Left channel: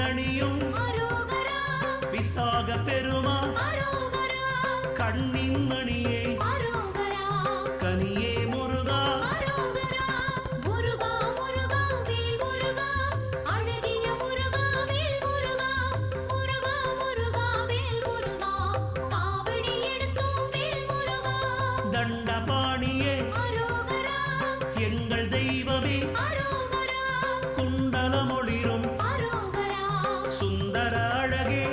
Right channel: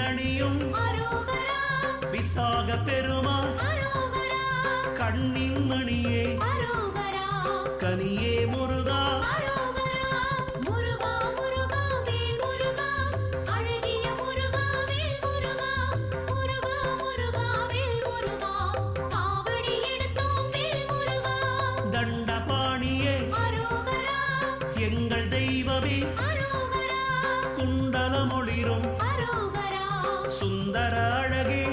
தேரணியும் விசாக பெருமான் கண்ணின் மணியே கனியே முருகா தண்டபாணியே எங்கள் தெய்வமே குண்டலமொளிரும் சுந்தர அழகே